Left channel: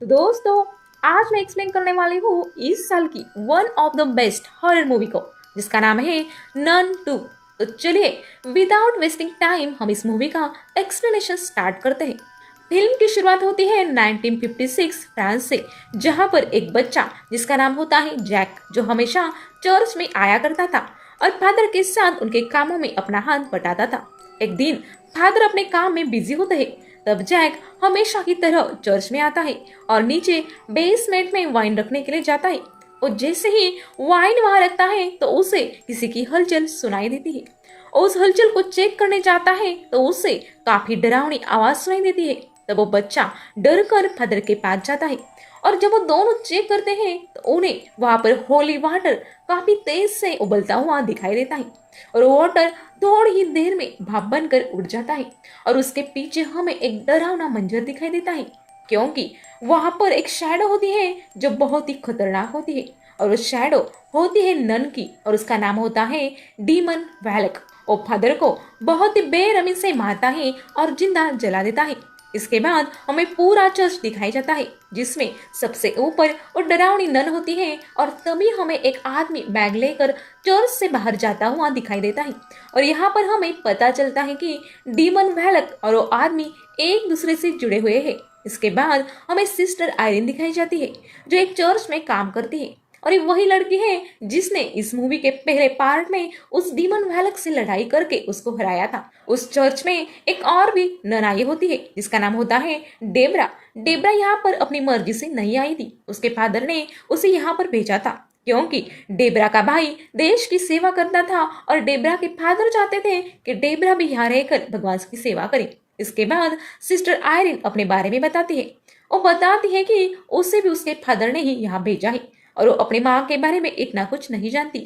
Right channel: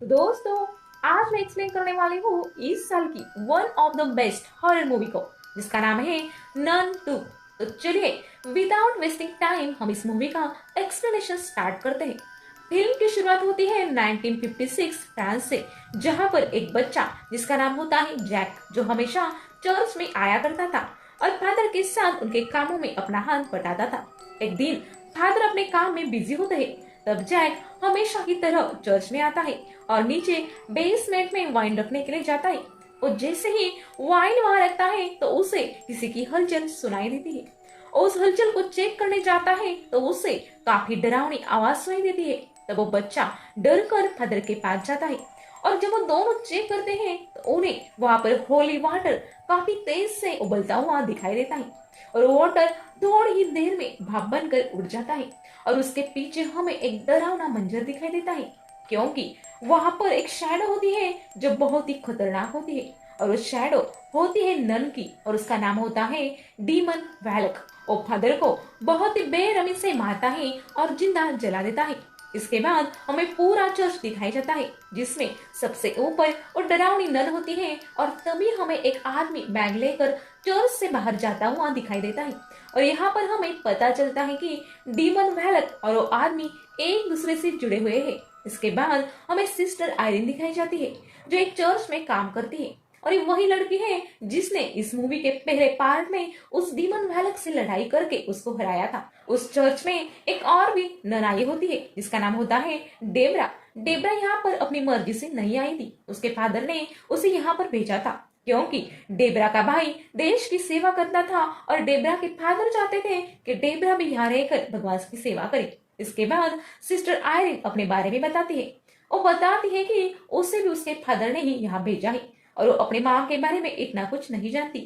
तो दोस्तों, आज मैं एक्सप्लेन करने वाली हूँ इस साल की one of the best horror movie को, जिसका नाम है नन 2। तो चलिए, विदाउट वेस्टिंग टाइम हम इस मूवी का एक्सप्लेनेशन स्टार्ट करते हैं। फिल्म की शुरुआत होती है 1956 फ्रांस से, जहां पर एक बच्चा जिसका नाम होता है जैक, जो हमेशा चर्च में आया करता था और फादर के साथ उनके कामों में अपना हाथ बटाता था। एक दिन फादर अपने काम में बिजी होते हैं, तब जैक हमेशा की तरह चर्च में आता है और नीचे बेसमेंट में वाइन रखने के लिए जाता है। और जैसे ही वाइन वहां रखता है तो उसे किसी की हलचल सुनाई देती है। उस हलचल को चेक करने जाता है तो उसे काफी डरावनी आवाज सुनाई देती है। तब वो बच्चा डर कर फादर के पास जाता है और जब वो दोनों चेक करते हैं तो उन्हें वहां पर होली वाटर काफी तेज से उबलता हुआ दिखाई देता है। और वो वाटर थोड़ी ही देर में भाप बनकर उड़ जाता है और उसके पीछे हमें एक डरावना मंजर दिखाई देता है, क्योंकि वहां पर एक शैडो होती है जो बहुत ही खतरनाक होती है। और वो शैडो होती है नन की और उसका नाम होता है डीमन वैलक। वो फादर को बहुत ही बेरहमी से मारता है और जिंदा जला देता है। इसके बाद हमें पूरा चर्च दिखाई जाता है, जिसमें सबसे ऊपर वो डरावनी नन होती है और तभी हमें एक आदमी बैग लेकर चर्च से बाहर जाता हुआ दिखाई देता है। और यहाँ पर हमें पता चलता है कि डीमन वैलक और वो आदमी एक दूसरे से जुड़े हुए हैं। इसके बाद हमें सिस्टर आयरिन दिखाई जाती है, जो एक चर्च में काम करती है और ये वही लड़की है जिसने इस मूवी के पहले पार्ट में उस डीमन वैलक से लड़ाई करके उसको हराया था। उस चर्च में एक और भी ननाई होती है जिसका नाम होता है डेबरा। डेबरा यहाँ पर अपनी मर्जी से नहीं आई थी, उसके फादर ने उसे यहाँ पर भेजा था, क्योंकि डेबरा का भाई देश की सेवा करता था और डेबरा के फादर चाहते थे कि डेबरा भी यहाँ रहकर भगवान की सेवा करे। इसके बाद सिस्टर आयरिन अपने बारे में बताती है। वो बताती है कि उसे भी उसके फादर ने ही यहाँ भेजा है और वो अपनी माँ के बारे में इतना कुछ नहीं जानती।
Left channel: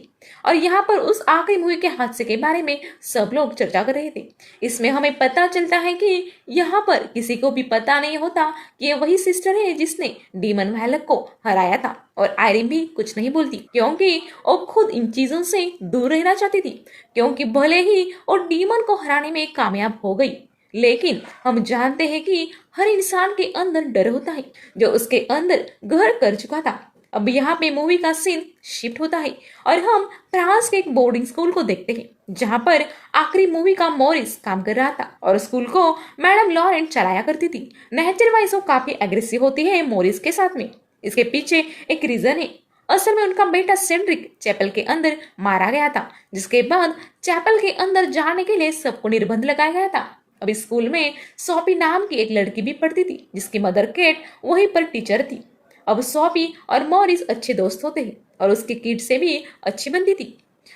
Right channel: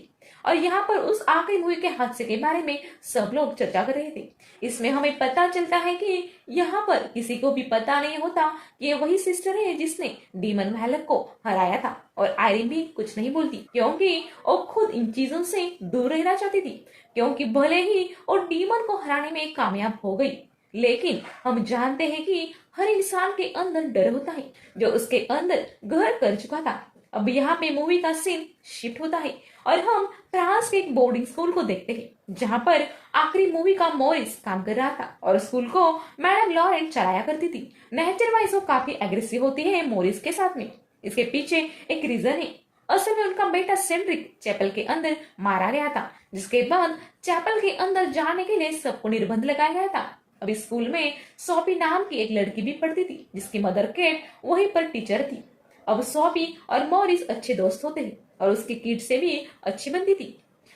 और यहाँ पर उस आखिरी मूवी के हादसे के बारे में सब लोग चर्चा कर रहे थे। इसमें हमें पता चलता है कि यहाँ पर किसी को भी पता नहीं होता कि ये वही सिस्टर है जिसने डीमन वैलक को हराया था। और आयरिन भी कुछ नहीं बोलती, क्योंकि वो खुद इन चीजों से दूर रहना चाहती थी, क्योंकि भले ही वो डीमन को हराने में कामयाब हो गई, लेकिन हम जानते हैं कि हर इंसान के अंदर डर होता है जो उसके अंदर घर कर चुका था। अब यहाँ पे मूवी का सीन शिफ्ट होता है और हम फ्रांस के एक बोर्डिंग स्कूल को देखते हैं, जहाँ पर आखिरी मूवी का मॉरिस काम कर रहा था और स्कूल को मैडम लॉरेंट चलाया करती थी। नेचर वाइज वो काफी एग्रेसिव होती है मॉरिस के साथ में। इसके पीछे एक रीजन है। असल में उनका बेटा सेड्रिक चैपल के अंदर मारा गया था, जिसके बाद चैपल के अंदर जाने के लिए सबको निर्बंध लगाया गया था। अभी स्कूल में सोफी नाम की एक लड़की भी पढ़ती थी, जिसकी मदर केट वहीं पर टीचर थी। अब सोफी और मॉरिस अच्छे दोस्त होते हैं और उसकी किड से भी अच्छी बनती थी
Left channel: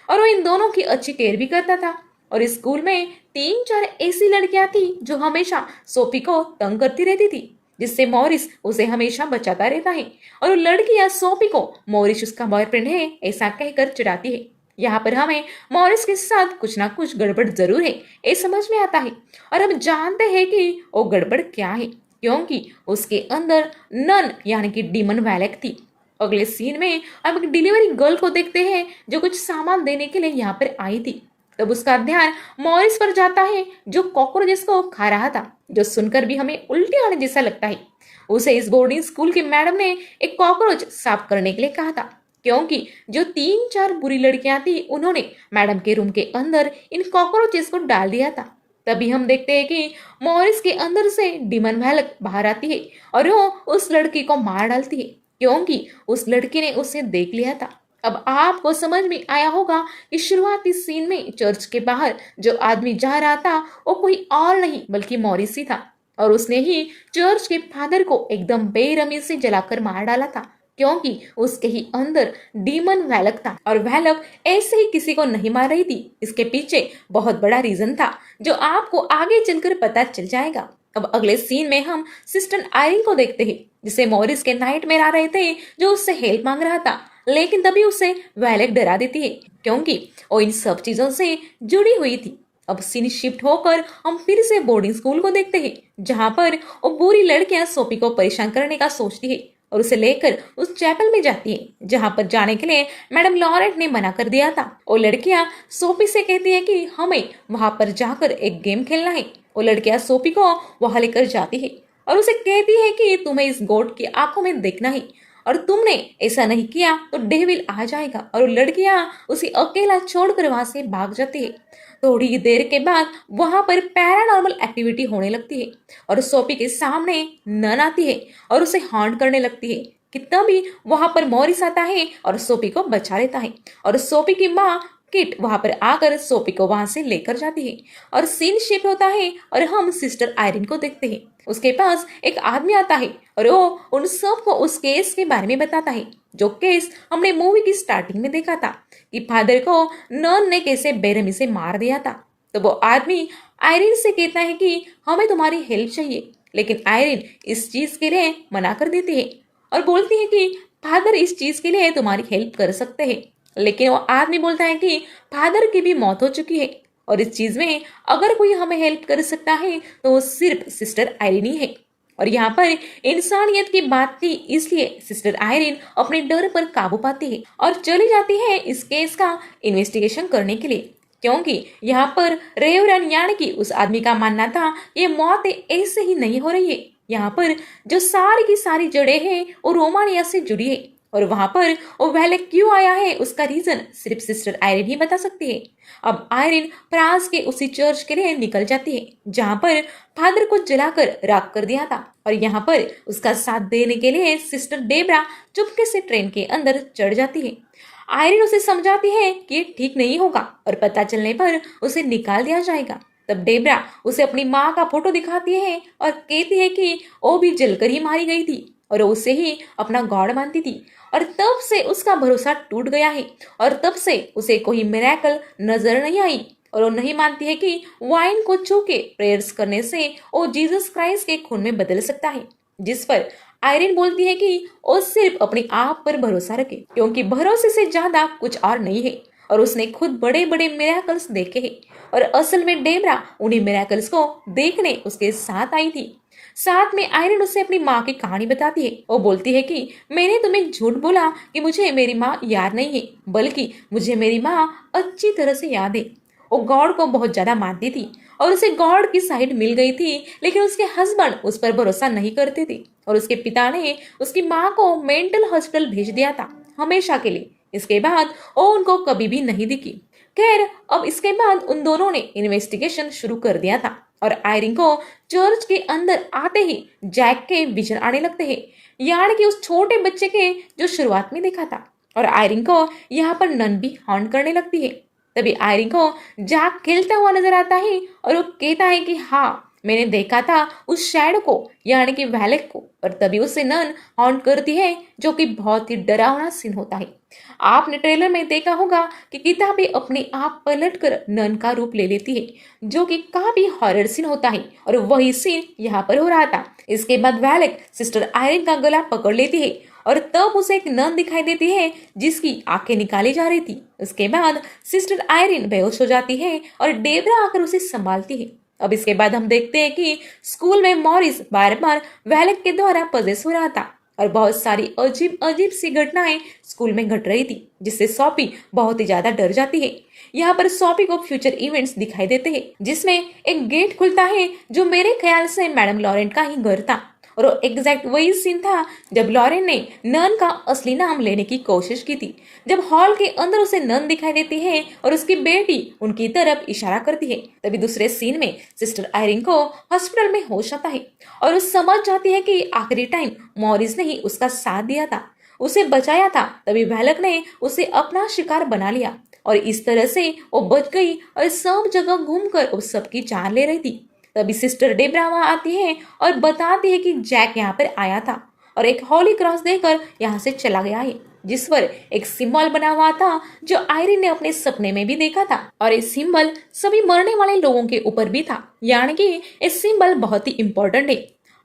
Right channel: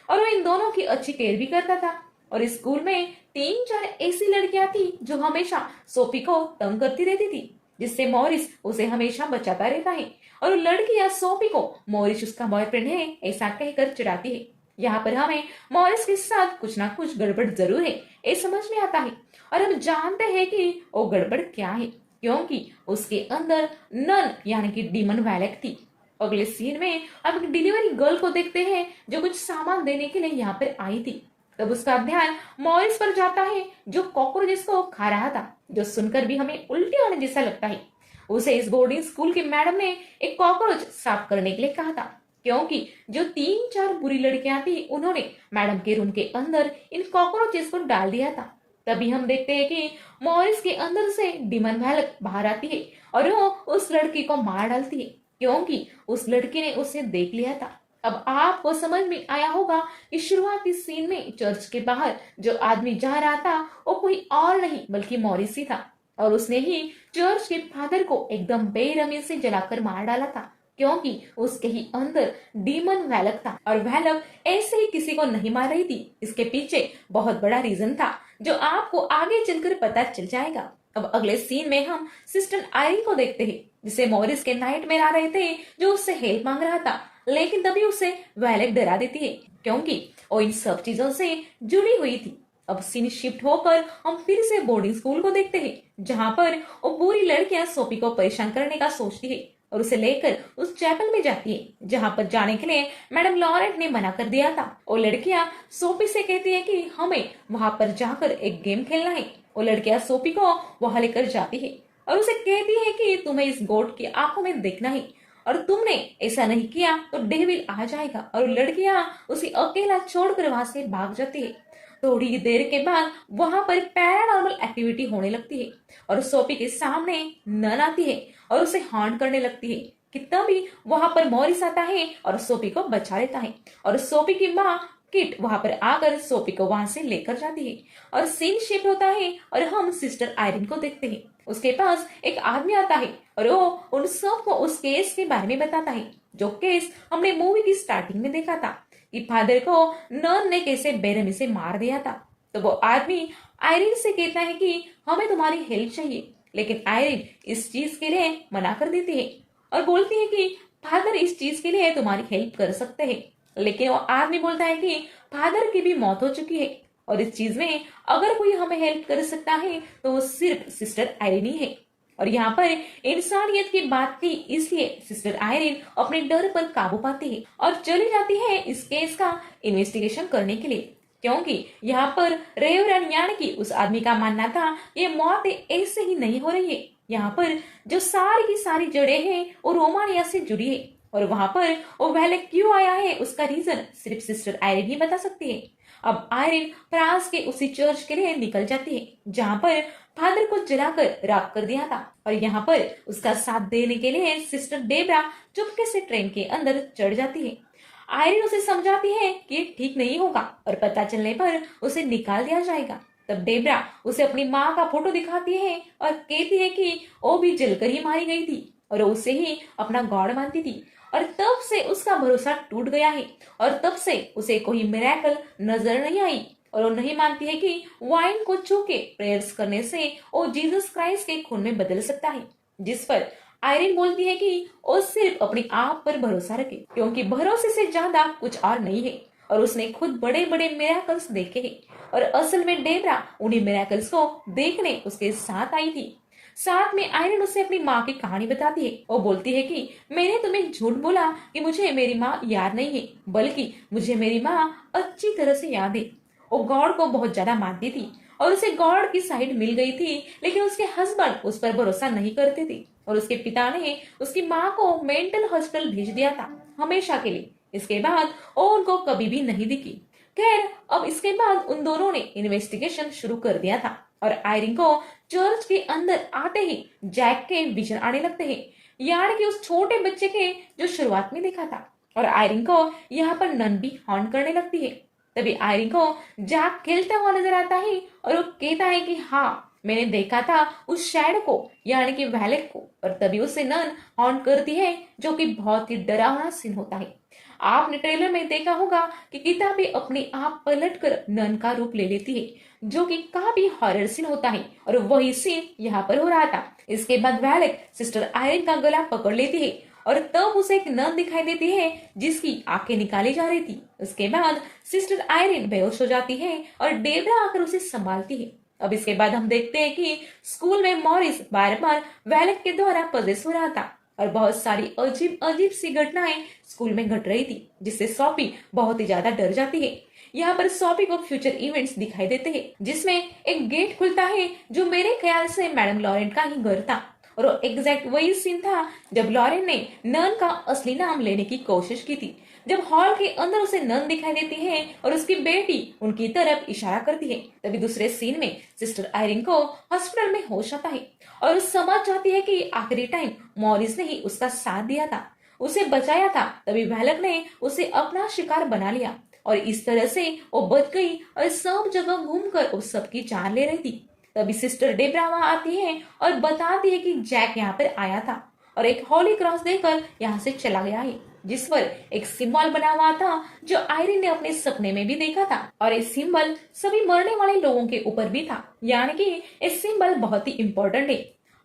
और वो इन दोनों की अच्छी केयर भी करता था। और इस स्कूल में तीन चार ऐसी लड़कियां थी जो हमेशा सोफी को तंग करती रहती थी, जिससे मॉरिस उसे हमेशा बचाता रहता है। और वो लड़कियां सोफी को मॉरिस उसका बॉयफ्रेंड है ऐसा कहकर चिढ़ाती है। यहाँ पर हमें मॉरिस के साथ कुछ ना कुछ गड़बड़ जरूर है, ये समझ में आता है। और हम जानते हैं कि वो गड़बड़ क्या है, क्योंकि उसके अंदर नन यानी कि डीमन वैलक थी। अगले सीन में हम एक डिलीवरी गर्ल को देखते हैं जो कुछ सामान देने के लिए यहाँ पर आई थी। तब उसका ध्यान मॉरिस पर जाता है जो कॉकरोचेस को खा रहा था, जो सुनकर भी हमें उल्टी आने जैसा लगता है। उसे इस बोर्डिंग स्कूल की मैडम ने एक कॉकरोच साफ करने के लिए कहा था, क्योंकि जो तीन चार बुरी लड़कियां थी उन्होंने मैडम के रूम के अंदर इन कॉकरोचेस को डाल दिया था। तभी हम देखते हैं कि मॉरिस के अंदर से डीमन वैलक बाहर आती है और वो उस लड़की को मार डालती है, क्योंकि उस लड़की ने उसे देख लिया था। अब आपको समझ में आया होगा कि शुरुआती सीन में चर्च के बाहर जो आदमी जा रहा था वो कोई और नहीं बल्कि मॉरिस ही था, और उसने ही चर्च के फादर को एकदम बेरहमी से जलाकर मार डाला था, क्योंकि उसके ही अंदर डीमन वैलक था। और वैलक ऐसे ही किसी को नहीं मार रही थी, इसके पीछे बहुत बड़ा रीजन था जो आपको आगे चलकर पता चल जाएगा। अब अगले सीन में हम सिस्टर आयरिन को देखते हैं, जिसे मॉरिस के नाइटमेयर आ रहे थे, जो उससे हेल्प मांग रहा था। लेकिन तभी उसे वैलक डरा देती है, क्योंकि वो इन सब चीजों से जुड़ी हुई थी। अब सीन शिफ्ट होकर हम फिर से बोर्डिंग स्कूल को देखते हैं, जहां पर वो बुरी लड़कियां सोफी को परेशान करने का सोचती है और उसे लेकर उस चैपल में जाती है, जहां पर जाने के लिए मैडम लॉरेंट ने मना कर दिया था। वो लड़कियां सोफी से कहती है कि हमें वहां पर जाकर एक गेम खेलना है। वो लड़कियां सोफी को वहां लेकर जाती है और उसे कहती है कि तुम्हें इस गॉड की आंखों में देखना है, और तुमने ऐसा नहीं किया तो डेविल आ जाएगा। और वो लड़कियां उसे अकेला छोड़कर वहां से भाग जाती है। थोड़ी देर के बाद वहां पर पैरानॉर्मल एक्टिविटी होने लगती है और सोफी के सामने नन आती है और उसे हॉन्ट करने लगती है कि तभी वहां पर मॉरिस आता है और सोफी को बचा लेता है। और सोफी की माँ किट वहां पर आकर सोफी को वहां से लेकर जाती है और सीन शिफ्ट होता है और हम सिस्टर आयरिन को देखते हैं। उसके पास एक आदमी आता है और वो उन सबको उस केस के बारे में बताता है, जो केस हमने मूवी की स्टार्टिंग में देखा था कि फादर को नन ने कैसे बेरहमी से मार दिया था। तो वो आदमी आयरिन से कहता है कि हमें तुम्हारी हेल्प चाहिए, लेकिन आयरिन इस चीज के लिए मना कर देती है और बोलती है कि फादर इस चीज के लिए तुम्हारी हेल्प कर सकते हैं। लेकिन वो आदमी बोलता है कि फादर की भी मौत हो चुकी है और इस चीज में अगर कोई हमें हेल्प कर सकता है तो वो सिर्फ सिस्टर आयरिन ही है। और यहाँ पर इंसानियत की बात थी, इसलिए सिस्टर आयरिन अपने डर पर काबू पाती है और चली जाती है इस केस का इन्वेस्टिगेशन करने के लिए, क्योंकि यहाँ पर रेवरन यानी कि उस आदमी का मानना था ये मौत ऐसे ही नहीं हो रही है। यहाँ पर जो सारी की सारी जड़ें हैं वो रोमानिया से जुड़ी है और वहां पर वो वैले क्यों आया है उसका रीजन सिर्फ सिस्टर आयरिन ही बता सकती है। अब आयरिन फ्रांस के उसी चर्च के लिए निकल जाती है जहां पर फादर को जलाकर राख कर दिया था और यहाँ पर उसका साथ देने के लिए सिस्टर डेब्रा चुपके से ट्रेन के अंदर चढ़ जाती है। आयरिन उसे समझाती है कि ये ठीक नहीं होगा और पता चलने पर उसे निकाल दिया जाएगा। तब डेब्रा उसे अपनी माँ का फोटो दिखाती है और कहती है कि वो भी जलकर ही मारी गई थी और वो उसे ही अपना गॉड मानती थी और तब से उसका भरोसा टूट गया है और तब से उसे कोई मिरेकल नजर नहीं आई और वो नहीं मानती है कि वाइन को छू के प्रेयर्स करने से वो जीसस क्राइस्ट के खून में बदल सकता है। जिस पर आयरिन बोलती है कि वो सिर्फ अपने आप पर भरोसा रखे, क्योंकि भरोसे से ज्यादा कुछ और नहीं है और उसने खुद बड़े बड़े मिरेकल्स देखे हैं और असल में डेब्रा उन्हीं मिरेकल्स को देखने उसके साथ आई थी। साथ में आयरन उससे अपनी माँ की कहानी बताती है। वो बोलती है कि मैंने तुम्हें झूठ बोला कि मुझे मेरी माँ याद नहीं है, बल्कि मुझे मेरी माँ अच्छी तरह से याद है। वो गॉड को बहुत ज्यादा मानती थी और उसे गॉड की साइड मिल गई थी, लेकिन उसके हस्बैंड उस पर भरोसा नहीं करते थे और उसके पिता ने उसकी माँ को मेंटल हॉस्पिटल भेज दिया था हमेशा के लिए। इसके बाद वो उनको कभी भी नहीं दिखी। खैर, अब इसके बाद उन दोनों ने इन्वेस्टिगेशन शुरू कर दिया था और आयरिन को चर्च के अंदर आते ही जैक के विजन आने लगते हैं, यानी कि उस छोटे बच्चे के जो शुरुआत में देखा था। और आयरिन को यहाँ पर नन भी हॉन्ट करने लगती है। तभी आयरिन को जैक खेलता हुआ नजर आता है और वो कहता है कि हाँ, मैंने देखा था उस शैडो को यानी कि वैलेक को। और तभी उसे नन हॉन्ट करती है, जो कि बहुत ही डरावना सीन होता है। आपने ट्रेलर में देखा होगा कि किताबें अपने आप पलटकर नन का रूप ले लेती है, जो कि काफी हॉरर सीन होता है और वही सीन यहाँ पर हो रहा था। इसके बाद वैलेक सिस्टर आयरिन का गला पकड़ लेती है और तब उसे एक नन दिखाई देती है जिसकी आंखें निकाली जा रही थी। उसके बाद सिस्टर आयरिन बेहोश हो जाती है और डेब्रा आकर उसे संभालती है। अब इसके बाद हम देखते हैं कि स्कूल में मॉरिस बार बार वैलेक के द्वारा पजेस हो रहा था और बहुत सारी अजीब अजीब सी घटनाएं स्कूल में घट रही थी, जिससे सोफी बहुत ही ज्यादा डर जाती है। यहाँ पर सोफी को फ्यूचर इवेंट्स दिखाई देते हैं, जिसमें एक गेट खुलता है जो मेरे ख्याल से मैडम लॉरेंट का ही घर था और एग्जैक्ट वही सीन था जब लॉरेन ने नन का असली नाम लेने की कोशिश की थी। जब हॉल के अंदर उसे नन दिखाई देती है और उसकी बेटी उनकी तरफ इशारा करती है, तभी दूसरे सीन में सिस्टर आयरिन को हॉस्पिटल में होश आता है और वो समझ जाती है कि आखिरी टाइम मॉरिस ने ही उसका साथ दिया था, उसे बचाया था। तभी वैलक ने उसे अपना शिकार बना लिया और इस तरह से वो बच गई और सब जगह घूमकर उस सबकी जान ले रही थी। तभी सिस्टर डेब्रा वहां आती है और बताती है कि जैक यहाँ पर आया था और एक हॉली क्रॉस देकर यहाँ से चला गया है, जिस पर एक सिंबल बना हुआ था जो आयरिन ने अपने सपने में भी देखा था और ये सिंबल सभी मरने वाले लोगों के ऊपर भी था, यानी कि ये सिंबल बहुत ही इम्पोर्टेंट है।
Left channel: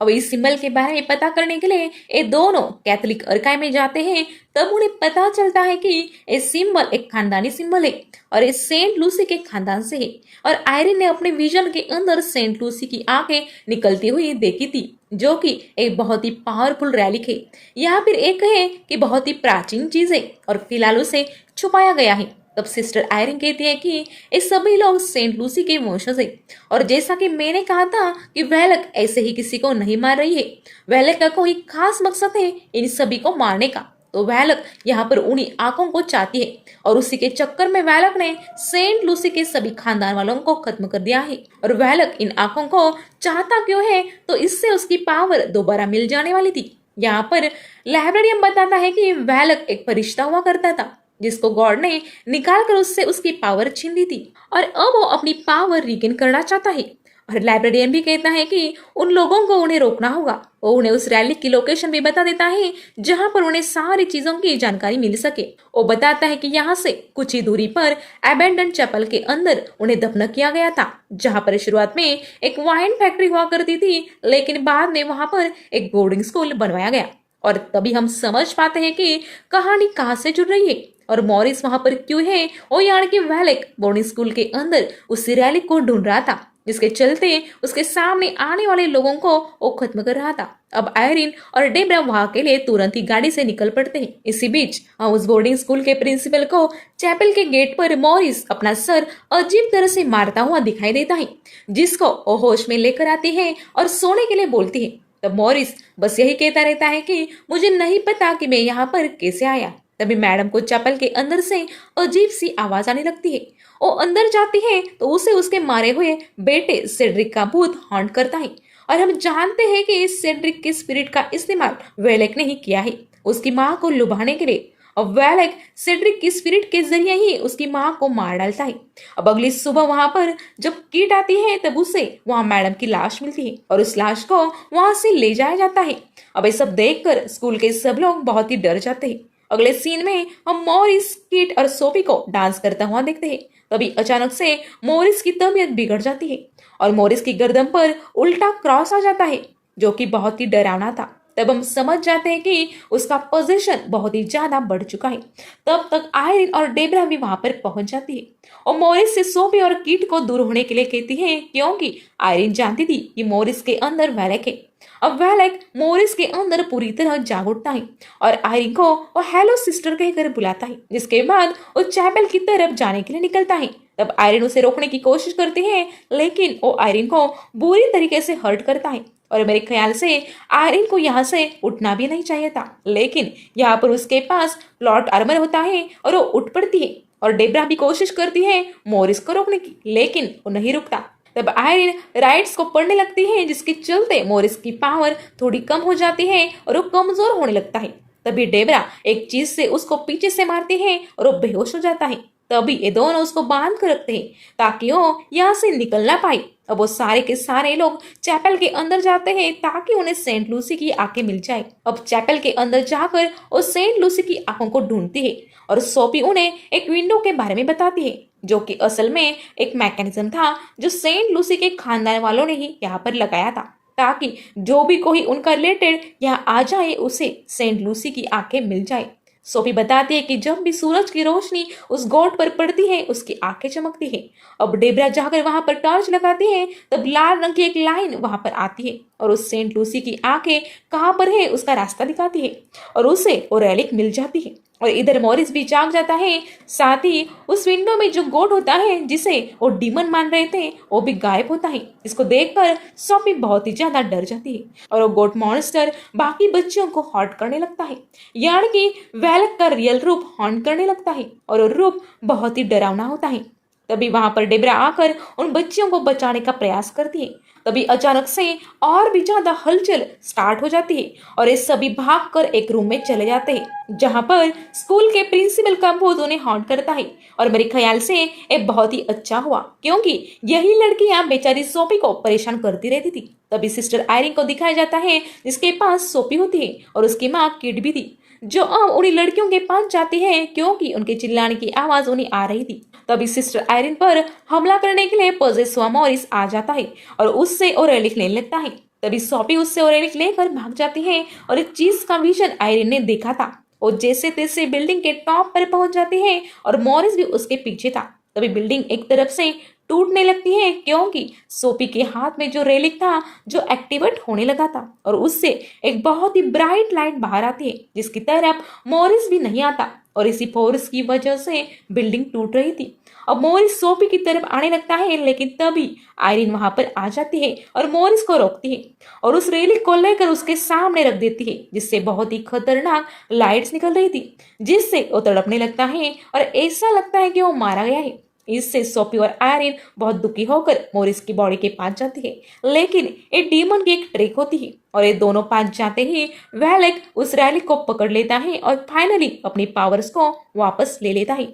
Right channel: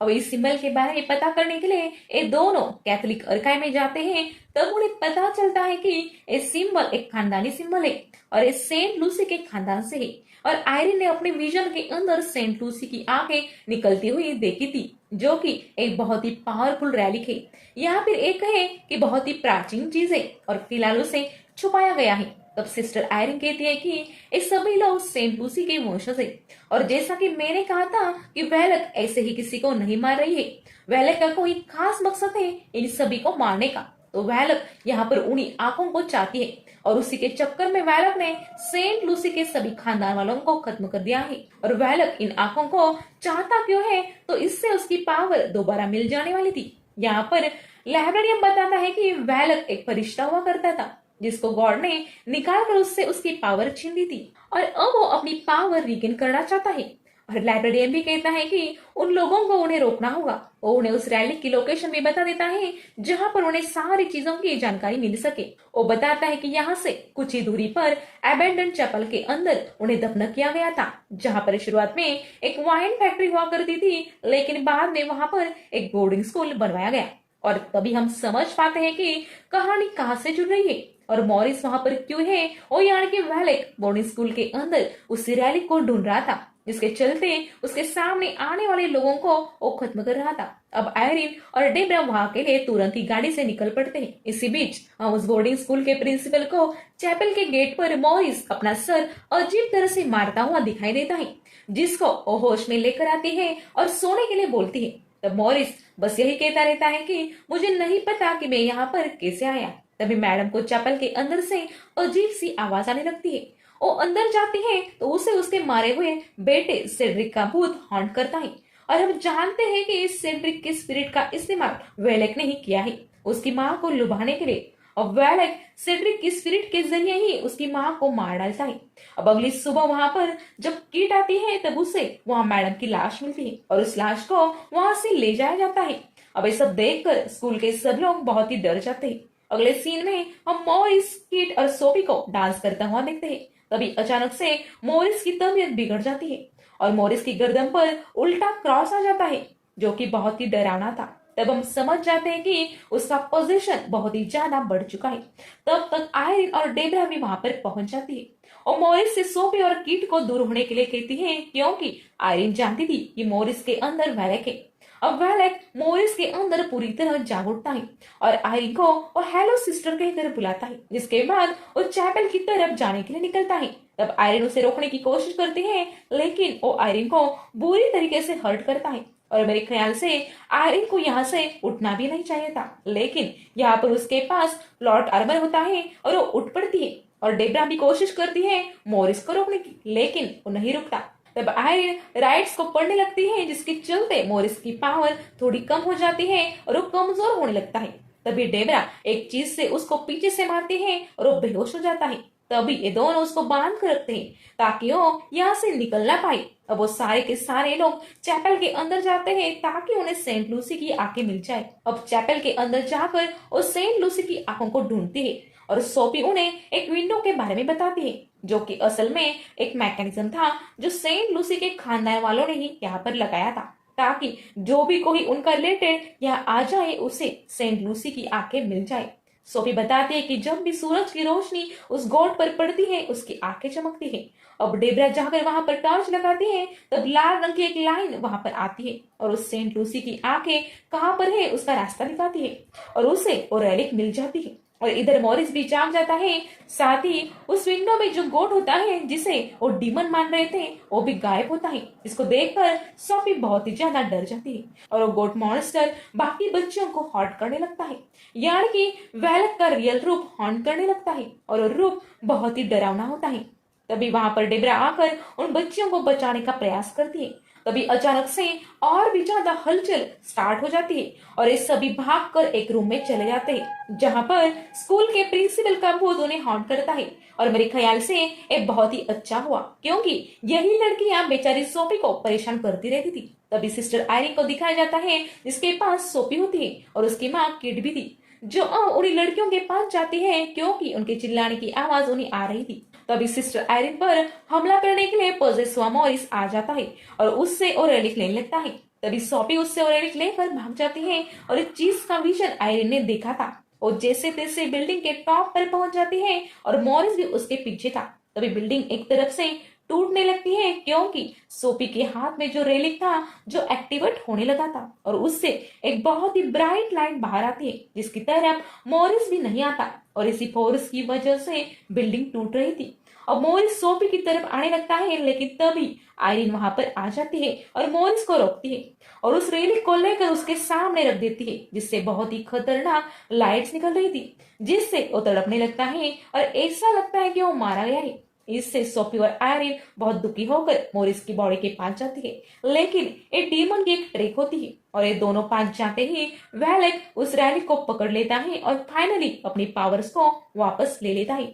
अब इस सिंबल के बारे में पता करने के लिए ये दोनों कैथोलिक अर्काइव में जाते हैं। तब उन्हें पता चलता है कि ये सिंबल एक खानदानी सिंबल है और ये सेंट लूसी के खानदान से है और आयरिन ने अपने विजन के अंदर सेंट लूसी की आंखें निकलती हुई देखी थी, जो कि एक बहुत ही पावरफुल रैलिक है। यहाँ फिर एक है कि बहुत ही प्राचीन चीज है और फिलहाल उसे छुपाया गया है। तब सिस्टर आयरिन कहती है कि ये सभी लोग सेंट लूसी के वंशज हैं और जैसा कि मैंने कहा था कि वेलक ऐसे ही किसी को नहीं मार रही है। वेलक का कोई खास मकसद है इन सभी को मारने का। तो वेलक यहाँ पर उन्हीं आंखों को चाहती है और उसी के चक्कर में वेलक ने सेंट लूसी के सभी खानदान वालों को खत्म कर दिया है। और वेलक इन आंखों को चाहता क्यों है, तो इससे उसकी पावर दोबारा मिल जाने वाली थी। यहाँ पर लाइब्रेरियन बताता है कि वेलक एक फरिश्ता हुआ करता था जिसको गॉड ने निकाल कर उससे उसकी पावर छीन ली थी और अब वो अपनी पावर रिगेन करना चाहता है। और लाइब्रेरियन भी कहता है कि उन लोगों को उन्हें रोकना होगा। वो उन्हें उस रैली की लोकेशन भी बता देता है जहां पर उन्हें सारी चीजों की जानकारी मिल सके। वो बताता है कि यहाँ से कुछ ही दूरी पर एबेंडन चैपल के अंदर उन्हें दफन किया गया था, जहां पर शुरुआत में एक वाइन फैक्ट्री हुआ करती थी, लेकिन बाद में वहां पर एक बोर्डिंग स्कूल बनवाया गया। और तभी हम समझ पाते हैं कि कहानी कहाँ से जुड़ रही है और मॉरिस वहां पर क्यों है। और यानी कि वेलेक बोर्डिंग स्कूल के अंदर उस रैलिक को ढूंढ रहा था जिसके चलते उसके सामने आने वाले लोगों को वो खत्म कर रहा था। अब आयरिन और डेब्रा वहां के लिए तुरंत ही गाड़ी से निकल पड़ते हैं। इसी बीच हम उस बोर्डिंग स्कूल के प्रिंसिपल को चैपल के गेट पर मॉरिस अपना सर अजीब तरह से मारता हुआ दिखाई देता है, जिसको वो होश में लेकर आती है और सोने के लिए बोलती है। तब मॉरिस बस यही कहता रहता है कि मुझे नहीं पता कि मैं यहाँ पर कैसे आया। तभी मैडम को चैपल के अंदर से अजीब सी आवाज आने लगती है। वो अंदर जाती है तो उसे उसके मारे हुए बेटे सेड्रिक का भूत हॉन्ट करता है और हम जानते हैं कि इस सेड्रिक के स्पिरिट का इस्तेमाल वेलेक ने ही किया है उसकी माँ को लुभाने के लिए। अब वेलेक सेड्रिक की स्पिरिट के जरिए ही उसकी माँ को मार डालता है। अब अगली सुबह वहां पर जब किट आती है तब उसे वहां मैडम की लाश मिलती है और उस लाश को वहां से ले जाया जाता है। अब ये सब देखकर स्कूल के सब लोग बहुत ही डर जाते हैं। अगले सीन में हम मॉरिस, किट और सोफी को डांस करता हुआ देखते हैं। तभी अचानक से मॉरिस की तबीयत बिगड़ जाती है और मॉरिस की गर्दन पर उल्टा क्रॉस आ जाता है जो कि बहुत ही डरावना था। तब हम समझ जाते हैं कि उसका पोजीशन बहुत ही ज्यादा बढ़ चुका है। तब तक आयरिन और डेब्रा भी वहां पर पहुंच जाती है और मॉरिस से सोफी और किट को दूर होने के लिए कहती है क्योंकि आयरिन जानती थी कि मॉरिस के अंदर वेलेक है। अब वेलेक मॉरिस के अंदर पूरी तरह जाग उठता है और आयरिन को वो हेलो सिस्टर कहकर बुलाता है, जिसके बाद वो चैपल की तरफ जाने के लिए निकलता है। तब आयरिन उसे रोकने की कोशिश करती है लेकिन वो आयरिन को बुरी तरीके से हर्ट करता है और मेरे ख्याल से आयरिन को यहाँ से उठना भी नहीं चाहिए था, लेकिन यहाँ पर उसके पास प्लॉट आर्मर होता है और वो उठ पड़ती है और डेब्रा भी कोशिश करती है मॉरिस को रोकने की, लेकिन वो नहीं रुकता। तब आयरिन राइट्स को पढ़ने लगती है जिसके चलते मॉरिस की पावर थोड़ी कम हो जाती है और वो कमजोर होने लगता है। तभी डेब्रा एक चीज से उसको पीछे से मारती है और वो बेहोश हो जाता है। तभी ये दोनों उसको बांध कर रखते हैं ताकि वो यहाँ से निकल ना पाए। अब वो सारे के सारे लोग चैपल के अंदर जाते हैं ताकि उन्हें सेंट लूसी की आंखें मिल जाए। अब चैपल के अंदर जाकर वो सेंट लूसी की आंखों को ढूंढती है और सोफी उन्हें एक विंडो के बारे में बताती है जो कि असल में एक मैकेनिज्म था जो सेंट लूसी के खानदान वालों ने ही यहाँ पर लगाया था ताकि जो भी कोई उनका रिलेटेड यहाँ आ जाए उसे सेंट लूसी की आंखें मिल जाए। सोफी बताती है कि जब भी सूरज की रोशनी उस गोट पर पड़ती है उसकी आंखें चमकती है। अब डेब्रा जाकर वहां पर टॉर्च लगाती है तब लाल रंग की एक लाइन वहां पर आती है और उस सेंट लूसी की आंखें कहाँ पर है उसका रास्ता दिखाती है और उसे वो रेलिक मिल जाती है। और इधर मॉरिस भी जाग जाता है, साथ ही उस विंडो में जो गोट होता है जिसे वो डीमन मान रहे थे वो भी गायब होता है, जिसको देखकर सोफी बहुत ही ज्यादा डर जाती है और वो गोट मॉन्स्टर बाकी बच्चों को हॉन्ट करने लगता है, यानी कि वेलेक का रियल रूप हॉन्ट करने लगता है और वो रूप बहुत ही डरावना होता है। तभी वहां पर डेब्रा आकर उन बच्चियों को बचाने का प्रयास करती है। तभी अचानक से और भी ज्यादा हलचल स्टार्ट हो जाती है और ये सभी भागकर एक रूम में चले जाते हैं जहां पर स्कूल के प्रिंसिपल का भूत उन्हें हॉन्ट करता है। और मेरे ख्याल से ये बहुत ही अच्छा हुआ क्योंकि यही लड़कियां बेचारी सोफी को परेशान करती रहती थी। तभी सिस्टर आयरिन को दिखाया जाता है जिसके पास सोफी होती है और उसकी माँ किड भी थी जो अब उन्हीं लड़कियों के पास जाती है क्योंकि उनके चिल्लाने की आवाज उन्हें आ रही थी। तभी सिस्टर आयरिन पर हमला करने के लिए पॉजेस हुआ मॉरिस आ जाता है और उससे ओरेलिक लेने लगता है। तभी सोफी उससे ओरेलिक लेकर भाग जाती है और एक चीज का विजन आयरिन ने देखा था वो जैसे तैसे बिल्डिंग के टॉप पर पहुंच जाती है और मॉरिस भी उसके पीछे था। तभी बिल्डिंग एक तरफ से टूटने लगती है क्योंकि सोफी के हाथ में जो रेलिक था जो एक्टिवेट होने लगा था और उससे एक बहुत ही ब्राइट लाइट बाहर आती है जिसकी तरफ मॉरिस भी नहीं आता और इसी फोर्स की वजह से बिल्डिंग टूट रही थी। अब मोरिस सोफी की तरफ आने लगता है लेकिन तभी आयरिन वहां पर आ जाती है और मोरिस को रोकती है और उस रेलिक को लेकर उसके सामने रख देती है जिससे बहुत ही खतरनाक लाइट्स निकल रही थी जिससे वो तड़पने लगता है और ऐसा लगता है कि वो मारा गया है। इससे सोफी और आयरिन बहुत दुखी होकर मोरिस की बॉडी के पास जाती है लेकिन ये डीमन की एक ट्रिक होती है और ये दोनों पास जाते ही वैलेक उस रैलिक को पकड़ लेता है और फाइनली अपनी पावर्स को वापस ले लेता है।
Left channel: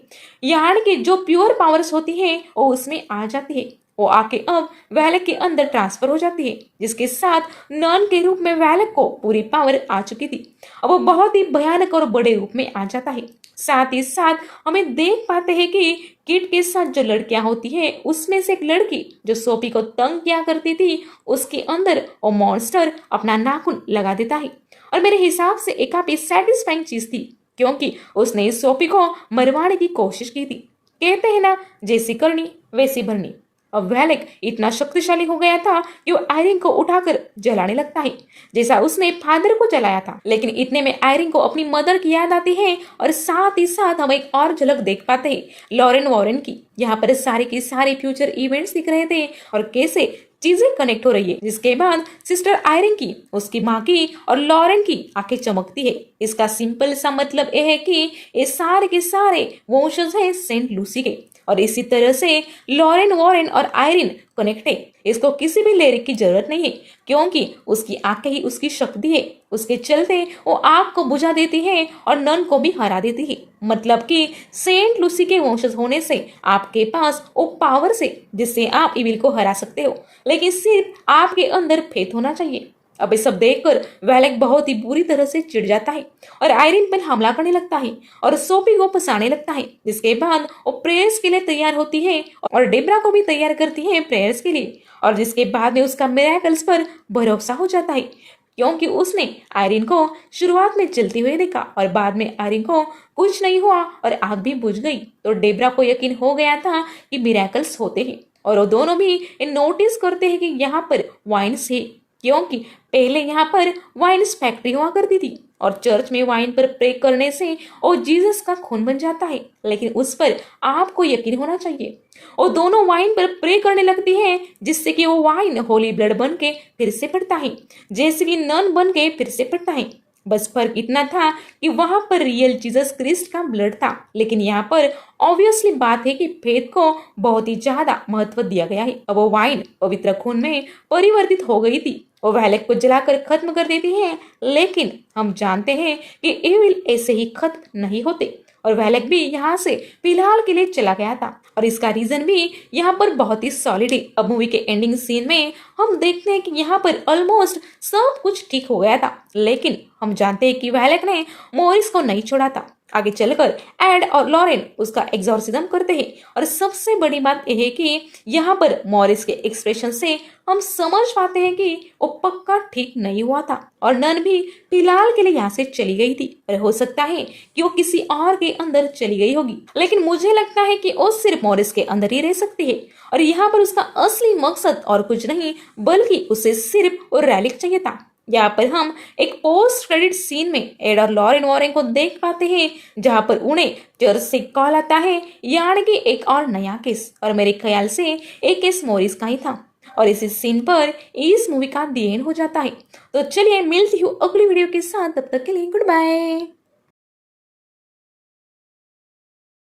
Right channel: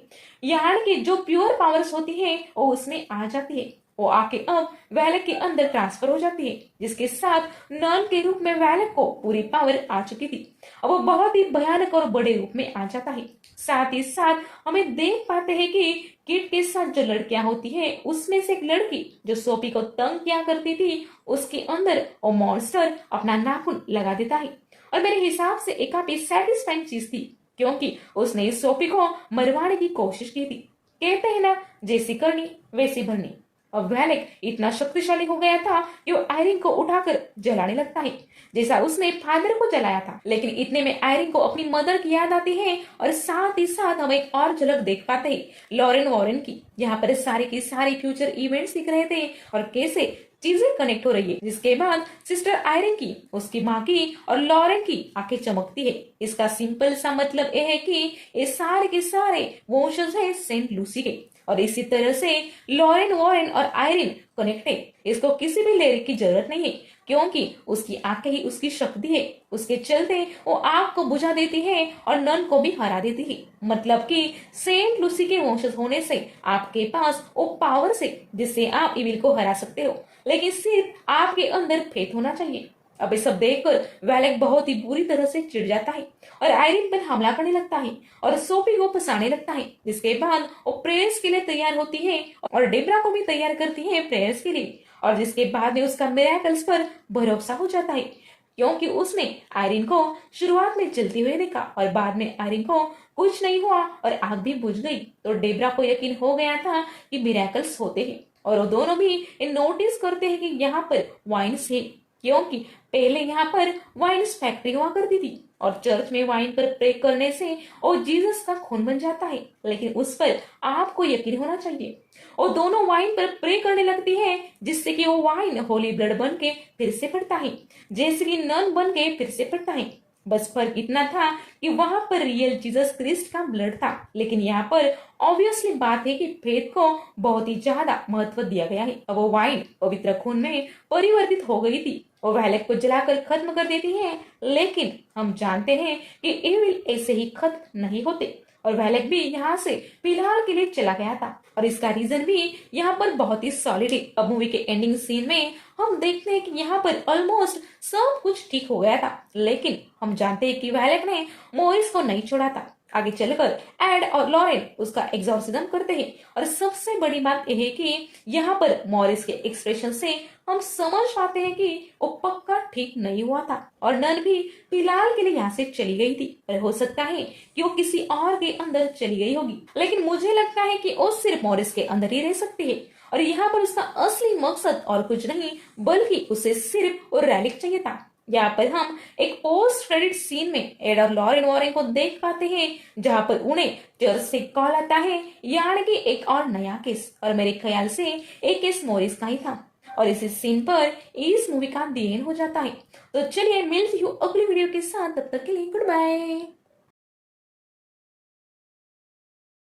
यहाँ की जो प्योर पावर्स होती है वो उसमें आ जाती है। वो आके अब वैलेक के अंदर ट्रांसफर हो जाती है जिसके साथ नन के रूप में वैलेक को पूरी पावर आ चुकी थी। अब वो बहुत ही भयानक और बड़े रूप में आ जाता है। साथ ही साथ हमें देख पाते हैं कि किट के साथ जो लड़कियां होती है उसमें से एक लड़की जो सोफी को तंग किया करती थी उसके अंदर वो मॉन्स्टर अपना नाखून लगा देता है और मेरे हिसाब से एक काफी सेटिस्फाइंग चीज थी क्योंकि उसने सोफी को मरवाने की कोशिश की थी। कहते हैं ना जैसी करनी वैसी भरनी। अब वैलेक इतना शक्तिशाली हो गया था कि वो आयरिन को उठाकर जलाने लगता है जैसा उसने फादर को जलाया था। लेकिन इतने में आयरिन को अपनी मदर की याद आती है और साथ ही साथ हम एक और झलक देख पाते हैं लॉरेन वॉरेन की। यहाँ पर सारे के सारे फ्यूचर इवेंट्स दिख रहे थे और कैसे चीजें कनेक्ट हो रही है जिसके बाद सिस्टर आयरिन की उसकी माँ की और लॉरेन की आंखें चमकती है। इसका सिंपल सा मतलब यह है कि ये सारे के सारे वंशज है सेंट लूसी के और इसी तरह से लॉरेन वॉरेन और आयरिन कनेक्ट है। इसको किसी भी लिरिक की जरूरत नहीं है क्योंकि उसकी आंखें ही उसकी शक्ति है। उसके चलते वो आग को बुझा देती है और नन को भी हरा देती है। मतलब कि सेंट लूसी के वंशज होने से आपके पास वो पावर से जिससे आप इविल को हरा सकते हो लेकिन सिर्फ आपके अंदर फेथ होना चाहिए। अब ये सब देखकर वैलेक बहुत ही बुरी तरह से चिढ़ जाता है और आयरिन पर हमला करने लगता है और सोफी को फंसाने लगता है जिसके बाद वो प्रेयर्स के लिए तैयार होती है और डेब्रा को भी तैयार करती है प्रेयर्स के लिए और जिसके बाद में उसका मिरेकल्स पर भरोसा हो जाता है क्योंकि उसने आयरिन को शुरुआत में जलती हुई देखा और बाद में आयरिन को कुछ नहीं हुआ और आग भी बुझ गई तो डेब्रा को यकीन हो गया था कि मिरेकल्स होते हैं और वो दोनों भी नोटिस करते हैं कि यहाँ पर वाइन्स है क्योंकि पहले यहाँ पर वाइन्स फैक्ट्री हुआ करती थी और चर्च में वाइन पर प्रे करने से वो जीसस का खून बन जाता है लेकिन उस पर आपको यकीन होना चाहिए। वो दोनों वाइन पर प्रे करने लगती है जिससे कि वो वाइन होली ब्लड बन के फिर से पड़ता है जैसे कि नन बन के फिर से पड़ता है। बस फर्क इतना था कि वहां पर रियल जीसस क्रिस्ट का ब्लड था लेकिन यहाँ पर ऑब्वियसली बात है कि फेथ को बहुत ही ज्यादा महत्व दिया गया है। अब वो वाइन पवित्र खून में परिवर्तित हो गई थी। वो वैलेक को जलाकर खत्म कर देती है लेकिन हम जानते हैं कि एविल ऐसे ही खत्म नहीं होते और वैलेक भी यहाँ से फिलहाल के लिए चला गया था और इसका रीजन भी यहाँ पर बहुत ही सॉलिड है। अब मूवी के एंडिंग सीन में हम देखते हैं कि यहाँ पर ऑलमोस्ट सब कुछ ठीक हो गया था लेकिन हम जानते हैं कि वैलेक ने मोरिस को नहीं छोड़ा था। आगे चलकर एड और लॉरेन उसका एग्जॉर्सिज्म करते हैं और सबसे बड़ी बात यह है कि यहाँ पर मॉरिस के एक्सप्रेशन से हम समझ पाते हैं कि वो पक्का ठीक नहीं हुआ था और नन भी फिलहाल के लिए यहाँ से चली गई थी और हो सकता है कि वो किसी और के अंदर चली गई होगी लेकिन मुझे लगता है कि वो सिर्फ मॉरिस के अंदर ही रह सकती है और यहाँ पर उसका असली मकसद और कुछ नहीं बल्कि उसे सिर्फ वो रैलिक चाहिए था। यहाँ पर हम एक पोस्ट क्रेडिट सीन में एड और लॉरेन वॉरेन को देख पाते हैं जहाँ पर उन्हें चर्च से कॉल आता है यानी कि एक और नया केस और मेरे ख्याल से एक केस मॉरिस का ही था और इसी सीन पर इस मूवी का दी एंड हो जाता है। तो चलिए मिलती हूँ अगली वीडियो के साथ, तब तक के लिए गुड बाय।